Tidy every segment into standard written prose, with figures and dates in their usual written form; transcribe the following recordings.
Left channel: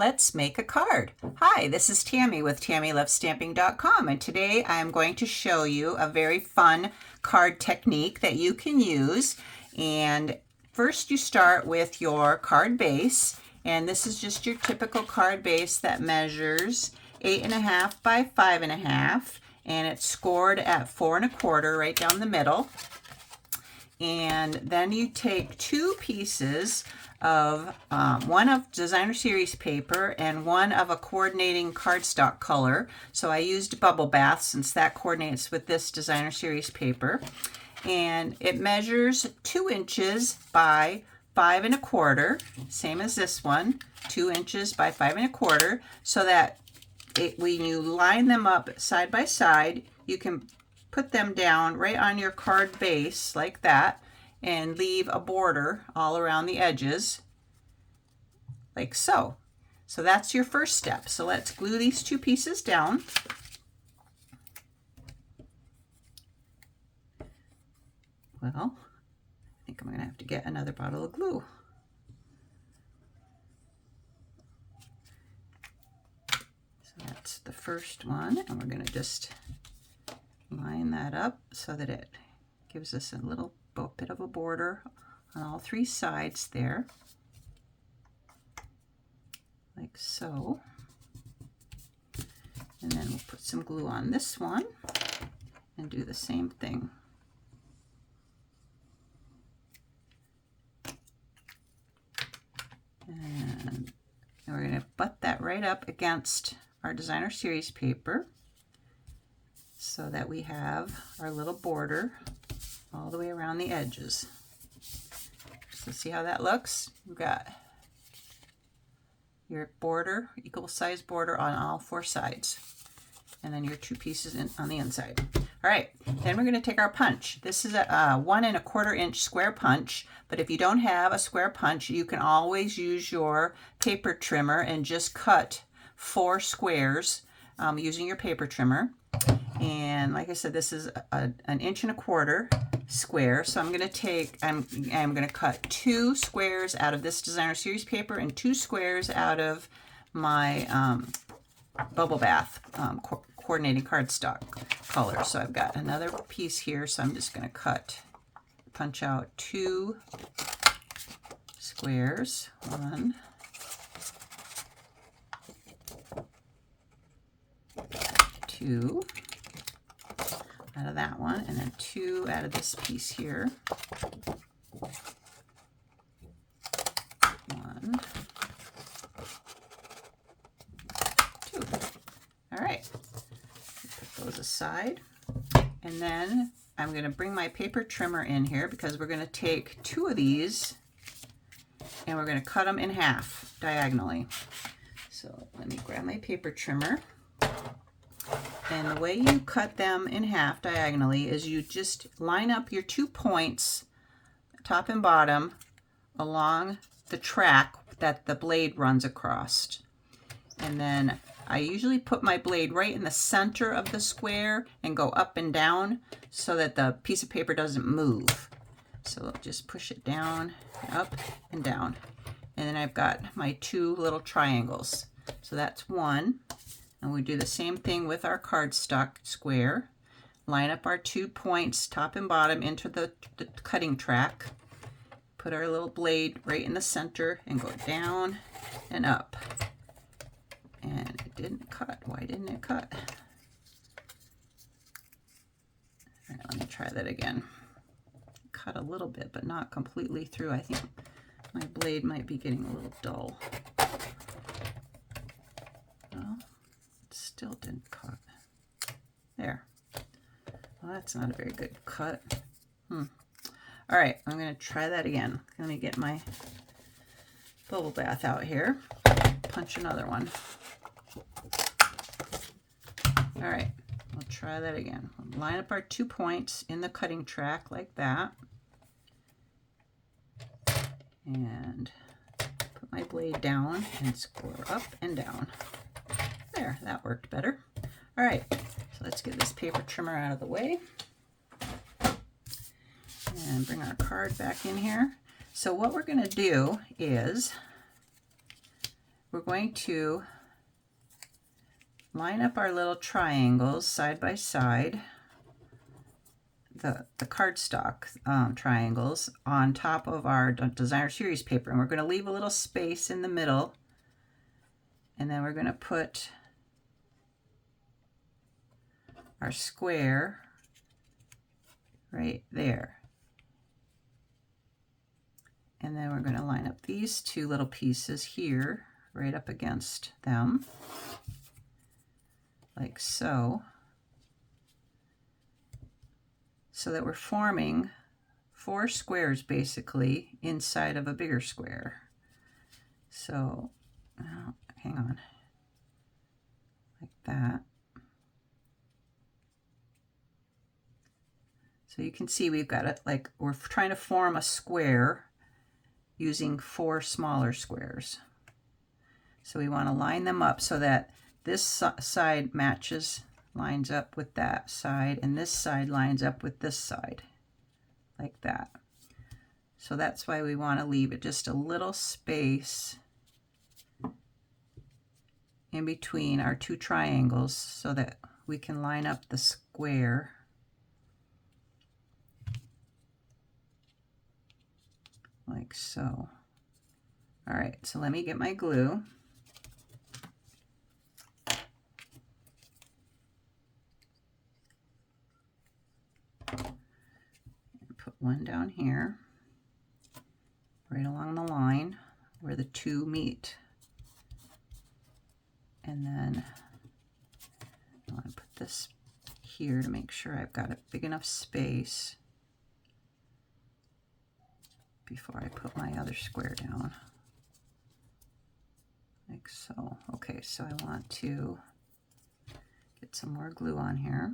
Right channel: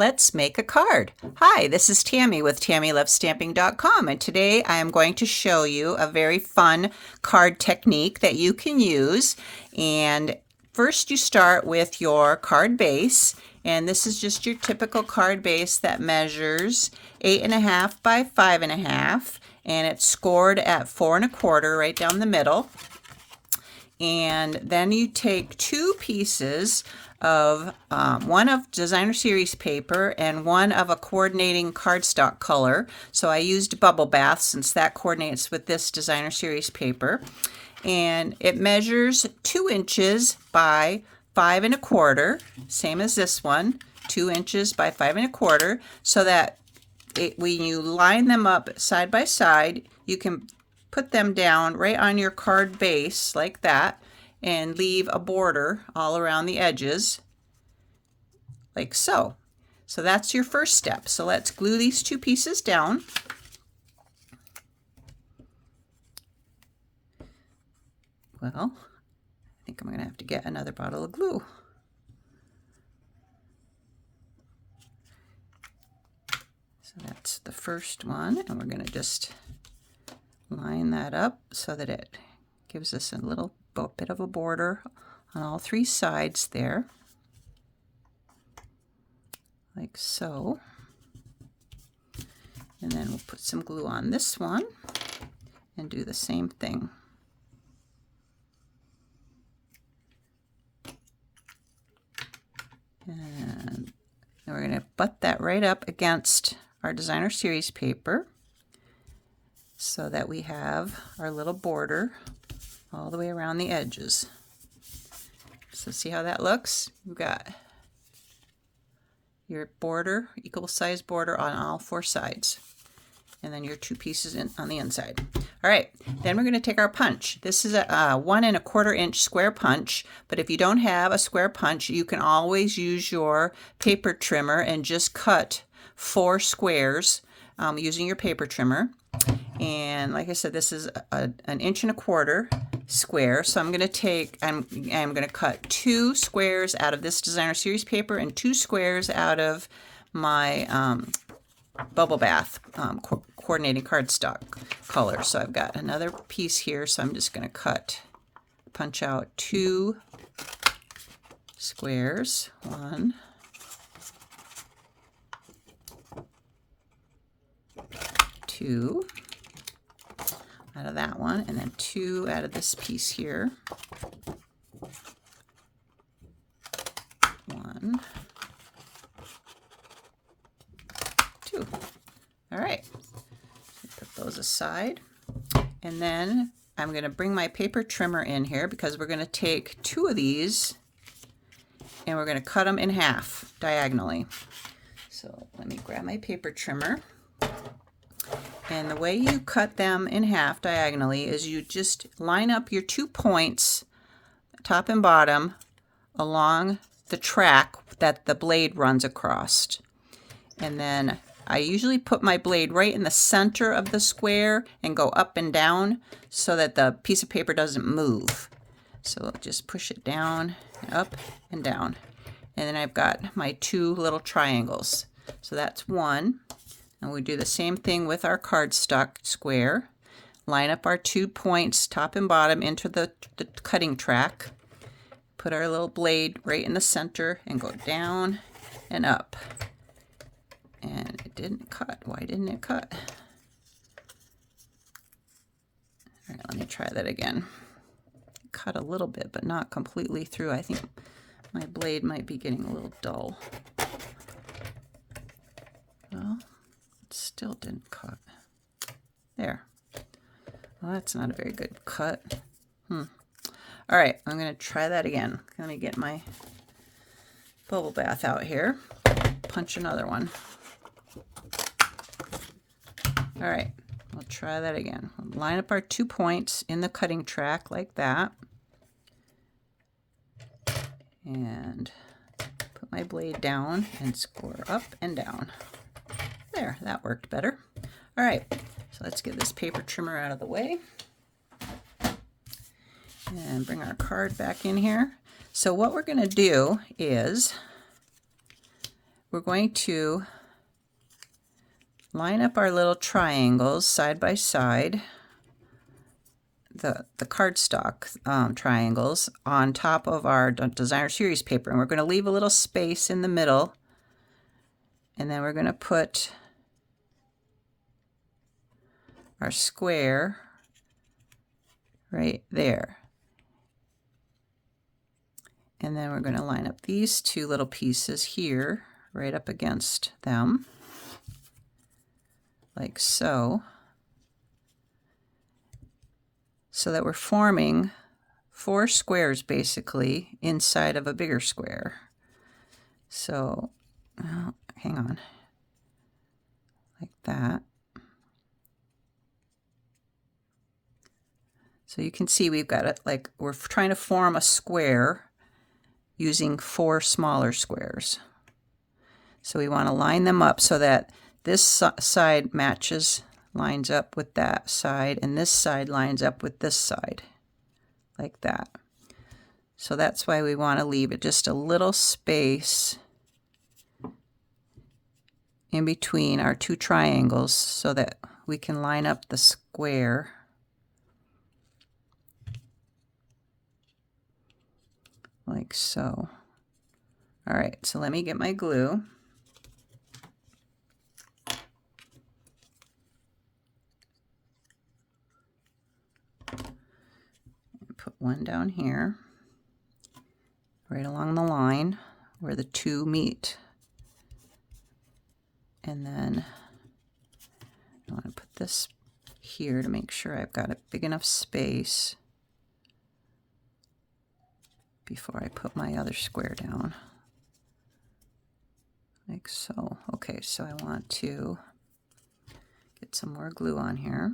Let's make a card. Hi, this is Tammy with TammyLovesStamping.com, and today I am going to show you a very fun card technique that you can use. And first you start with your card base, and this is just your typical card base that measures 8.5 by 5.5, and it's scored at 4 1/4 right down the middle. And then you take two pieces of one of designer series paper and one of a coordinating cardstock color. So I used Bubble Bath since that coordinates with this designer series paper. And it measures 2 inches by 5 1/4, same as this one, 2 inches by 5 1/4, so that when you line them up side by side, you can put them down right on your card base like that and leave a border all around the edges like so. So that's your first step. So let's glue these two pieces down. Well, I think I'm going to have to get another bottle of glue. So that's the first one, and we're going to just line that up so that it gives us a little bit of a border on all three sides there, like so. And then we'll put some glue on this one and do the same thing. And we're going to butt that right up against our designer series paper so that we have our little border all the way around the edges. So see how that looks? You've got your border, equal size border on all four sides, and then your two pieces on the inside. All right, then we're going to take our punch. This is a 1 1/4 inch square punch, but if you don't have a square punch, you can always use your paper trimmer and just cut 4 squares using your paper trimmer. And like I said, this is an 1 1/4 inch square. So I'm going to cut 2 squares out of this designer series paper and 2 squares out of my Bubble Bath coordinating cardstock color. So I've got another piece here, so I'm just going to punch out 2 squares. 1, 2 out of that one, and then 2 out of this piece here. 1, 2. All right, put those aside, and then I'm going to bring my paper trimmer in here because we're going to take 2 of these and we're going to cut them in half diagonally. So let me grab my paper trimmer. And the way you cut them in half diagonally is you just line up your 2 points, top and bottom, along the track that the blade runs across. And then I usually put my blade right in the center of the square and go up and down so that the piece of paper doesn't move. So just push it down, up and down. And then I've got my 2 little triangles. So that's 1. And we do the same thing with our cardstock square. Line up our 2 points, top and bottom, into the cutting track. Put our little blade right in the center and go down and up. And it didn't cut. Why didn't it cut? All right, let me try that again. Cut a little bit, but not completely through. I think my blade might be getting a little dull. Well, still didn't cut. There. Well, that's not a very good cut. All right, I'm going to try that again. Let me get my Bubble Bath out here. Punch another one. All right, we'll try that again. Line up our 2 points in the cutting track like that. And put my blade down and score up and down. There, that worked better. All right, so let's get this paper trimmer out of the way and bring our card back in here. So what we're going to do is we're going to line up our little triangles side by side, the cardstock triangles on top of our designer series paper, and we're going to leave a little space in the middle, and then we're going to put our square right there. And then we're going to line up these two little pieces here right up against them, like so, so that we're forming 4 squares basically inside of a bigger square. So, hang on, like that. So you can see we've got it, like we're trying to form a square using 4 smaller squares. So we want to line them up so that this side lines up with that side, and this side lines up with this side, like that. So that's why we want to leave it just a little space in between our 2 triangles so that we can line up the square like so. All right, so let me get my glue. Put one down here, right along the line where the 2 meet. And then I want to put this here to make sure I've got a big enough space before I put my other square down, like so. Okay, so I want to get some more glue on here.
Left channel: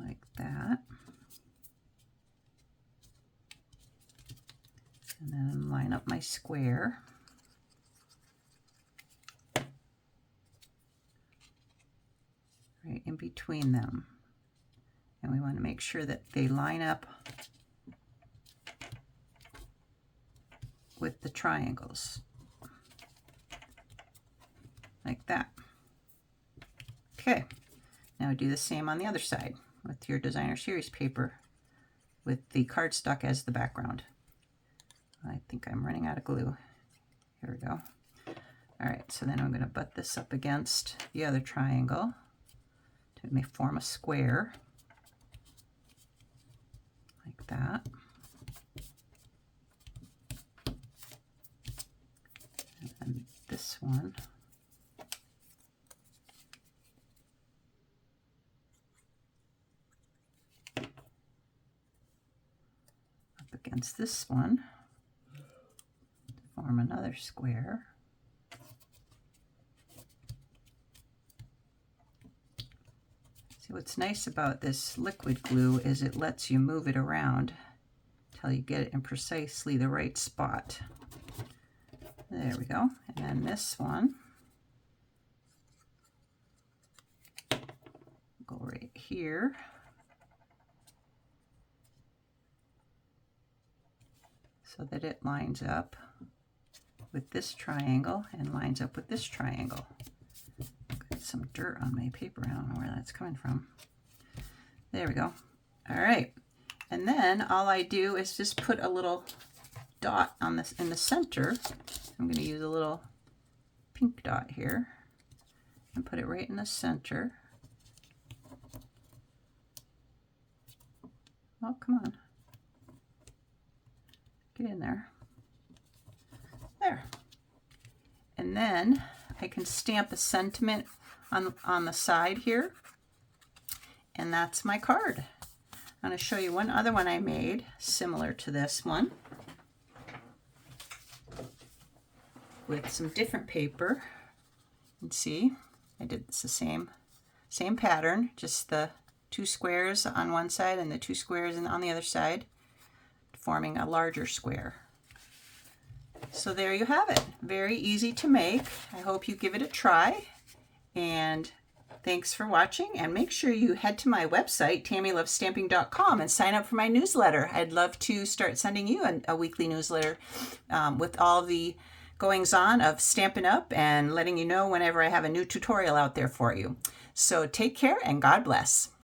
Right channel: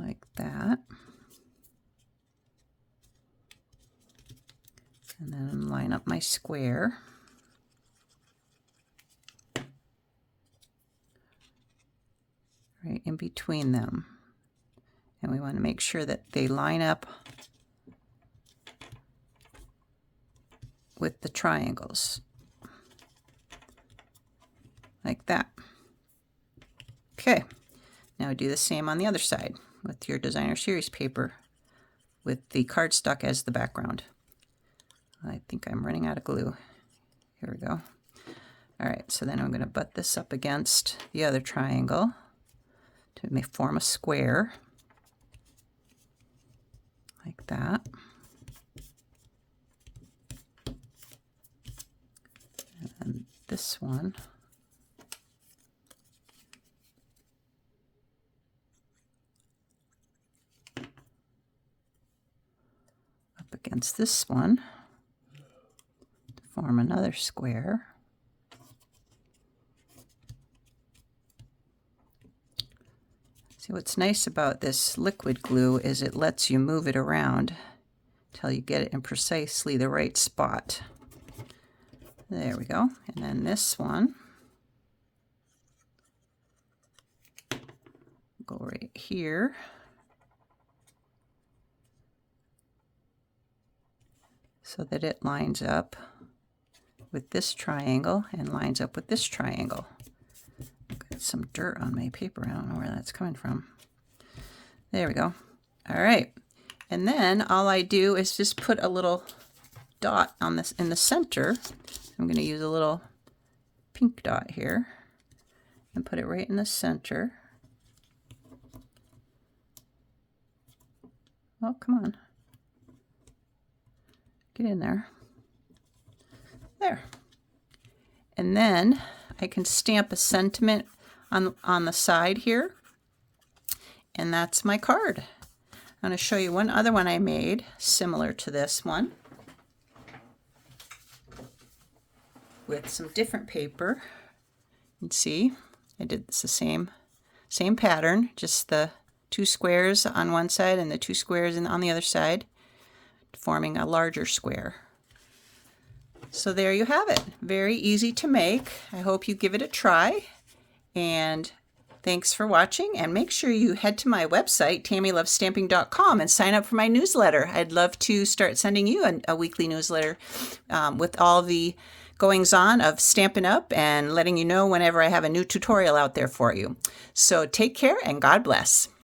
Like that. And then line up my square. Right in between them. And we want to make sure that they line up with the triangles. Like that. Okay, now do the same on the other side with your designer series paper with the cardstock as the background. I think I'm running out of glue. Here we go. All right, so then I'm going to butt this up against the other triangle to form a square, like that. And this one up against this one to form another square. See, what's nice about this liquid glue is it lets you move it around until you get it in precisely the right spot. There we go. And then this one, go right here. So that it lines up with this triangle and lines up with this triangle. Got some dirt on my paper. I don't know where that's coming from. There we go. All right. And then all I do is just put a little dot on this in the center. I'm going to use a little pink dot here and put it right in the center. Oh, come on. Get in there. There. And then I can stamp a sentiment on the side here. And that's my card. I'm going to show you one other one I made similar to this one with some different paper. You can see I did this the same pattern, just the 2 squares on one side and the 2 squares on the other side, forming a larger square. So there you have it. Very easy to make. I hope you give it a try, and Thanks for watching, and make sure you head to my website, tammylovestamping.com, and sign up for my newsletter. I'd love to start sending you a weekly newsletter with all the goings on of Stampin' Up! And letting you know whenever I have a new tutorial out there for you. So take care and God bless.